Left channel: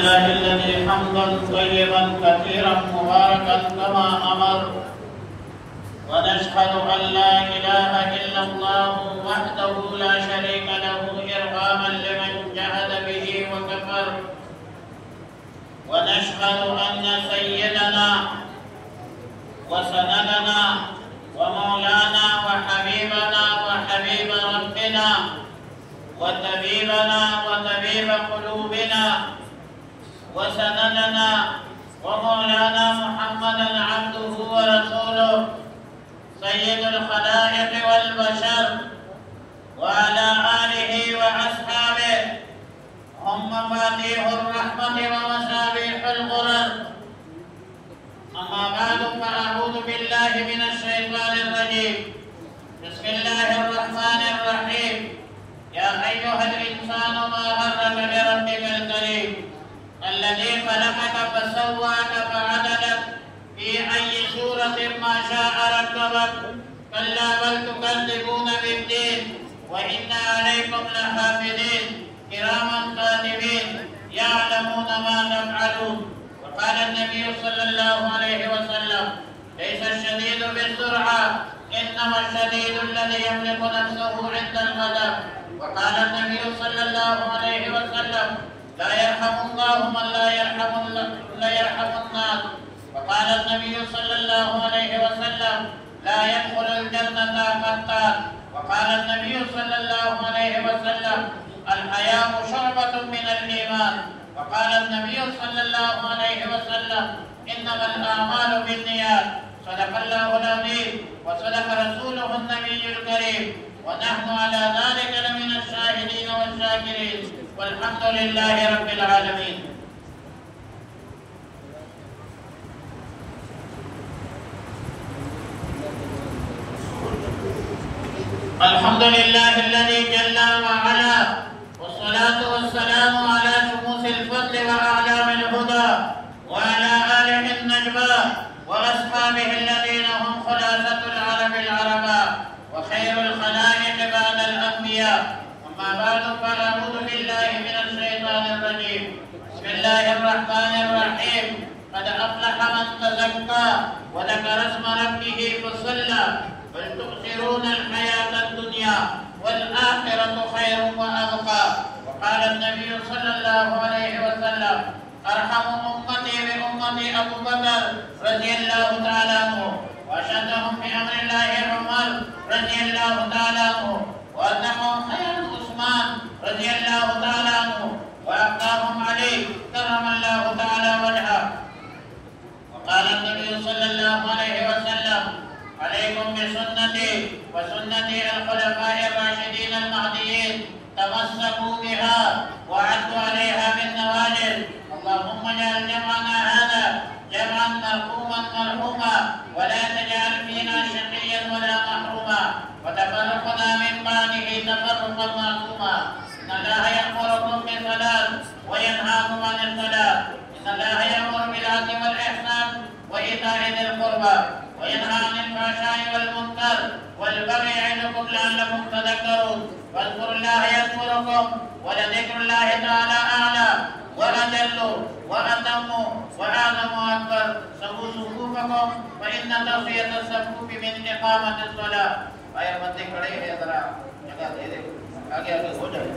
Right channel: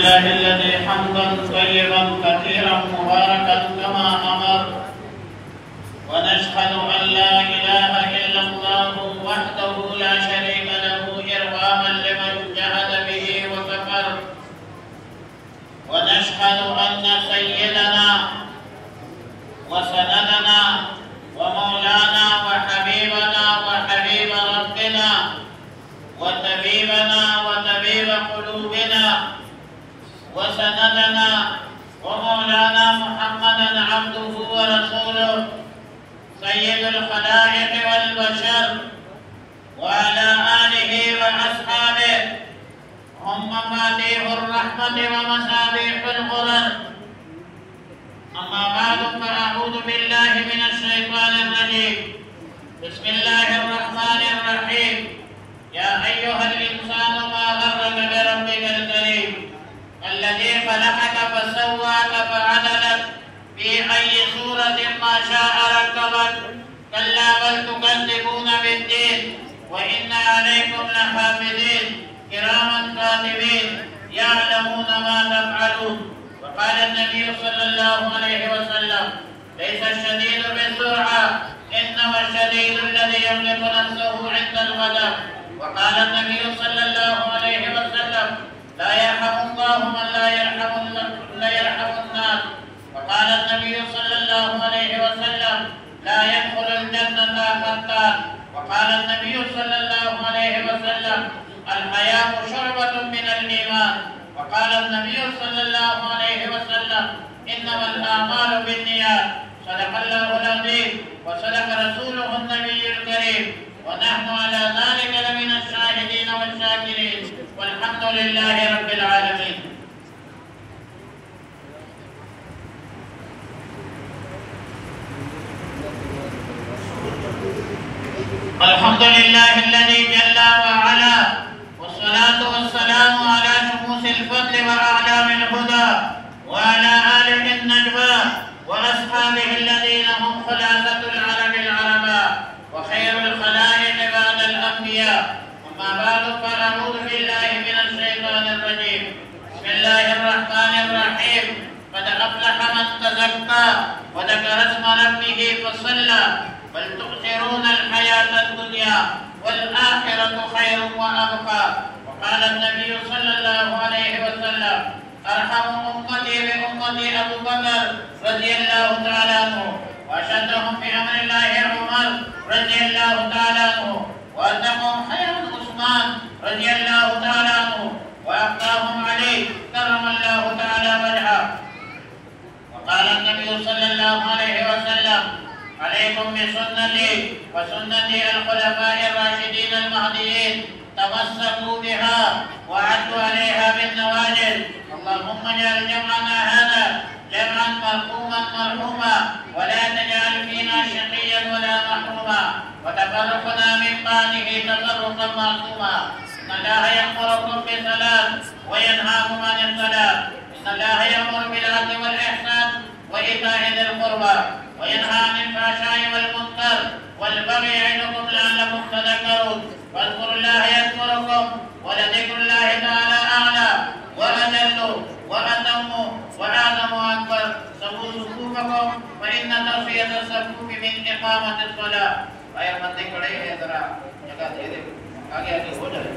لله الذي حمدا طيبا كثيرا مباركا كما امر، ونشهد ان لا اله الا الله وحده لا شريك له ارغاما لمن جحد به وكفر، ونشهد ان سيدنا وسندنا ومولانا وحبيبنا وحبيب ربنا وطبيبنا وطبيب قلوبنا وسندنا ومولانا محمدا عبده ورسوله سيد الخلائق والبشر، وعلى آله وأصحابه هم مفاتيح الرحمة ومصابيح الغرر. أما بعد فأعوذ بالله من الشيطان الرجيم. بسم الله الرحمن الرحيم. يا أيها الإنسان ما غرك بربك الكريم الذي خلقك فسواك فعدلك في أي سورة ما شاء ركبك. كلا بل تكذبون بالدين وإن عليكم لحافظين كراما كاتبين يعلمون ما تفعلون. وقال النبي صلى الله عليه وسلم: ليس الشديد بالسرعة إنما الشديد الذي يملك نفسه عند الغضب. وقال النبي صلى الله عليه وسلم: لا يرحم الله من لا يرحم الناس. وقال النبي صلى الله عليه وسلم: لا يدخل الجنة فتان. وقال النبي صلى الله عليه وسلم: الحياء شعبة من الإيمان. وقال النبي صلى الله عليه وسلم: إنما الأعمال بالنيات. صدق الله العظيم وصدق رسوله النبي الكريم، ونحن على ذلك لمن الشاهدين والشاكرين، والحمد لله رب العالمين. الحمد لله الذي جل وعلا، والصلاة والسلام على شموس الفضل وأعلام الهدى، وعلى آله النجبى وأصحابه الذين هم خلاصة العرب العرباء وخير الخلائق بعد الأنبياء. أما بعد فأعوذ بالله من الشيطان الرجيم. بسم الله الرحمن الرحيم. قد أفلح من تزكى وذكر اسم ربه فصلى بل تؤثرون الحياة الدنيا والآخرة خير وأبقى. وقال النبي صلى الله عليه وسلم: أرحم أمتي بأمتي أبو بكر رضي الله تعالى عنه، وأشدهم بأمر الله عمر رضي الله تعالى عنه، وأتقهم خيرا عثمان رضي الله تعالى عنه، وأبقاهم علي كرم الله تعالى وجهه. وقال النبي صلى الله عليه وسلم: عليكم بسنتي وسنة الخلفاء الراشدين المهديين، تمسكوا بها وعدوا عليها بالنواجذ. اللهم اجعل جمعنا هذا جمعا مرحوما ولا تجعل فينا شقيا ولا محروما، وتفرقنا من بعده تفرقا معصوما. إن الله يأمركم بالصلاة وينهاكم عن الصلاة. إن الله يأمر بالعدل والإحسان وإيتاء ذي القربى وينهى عن الفحشاء والمنكر والبغي يعظكم لعلكم تذكرون. واذكروا الله يذكركم ولذكر الله تعالى أعلى وأجل وأتم وأعظم وأكبر. سووا صفوفكم فإن تسوية الصفوف من إقامة الصلاة. आगे आगे हो जाए।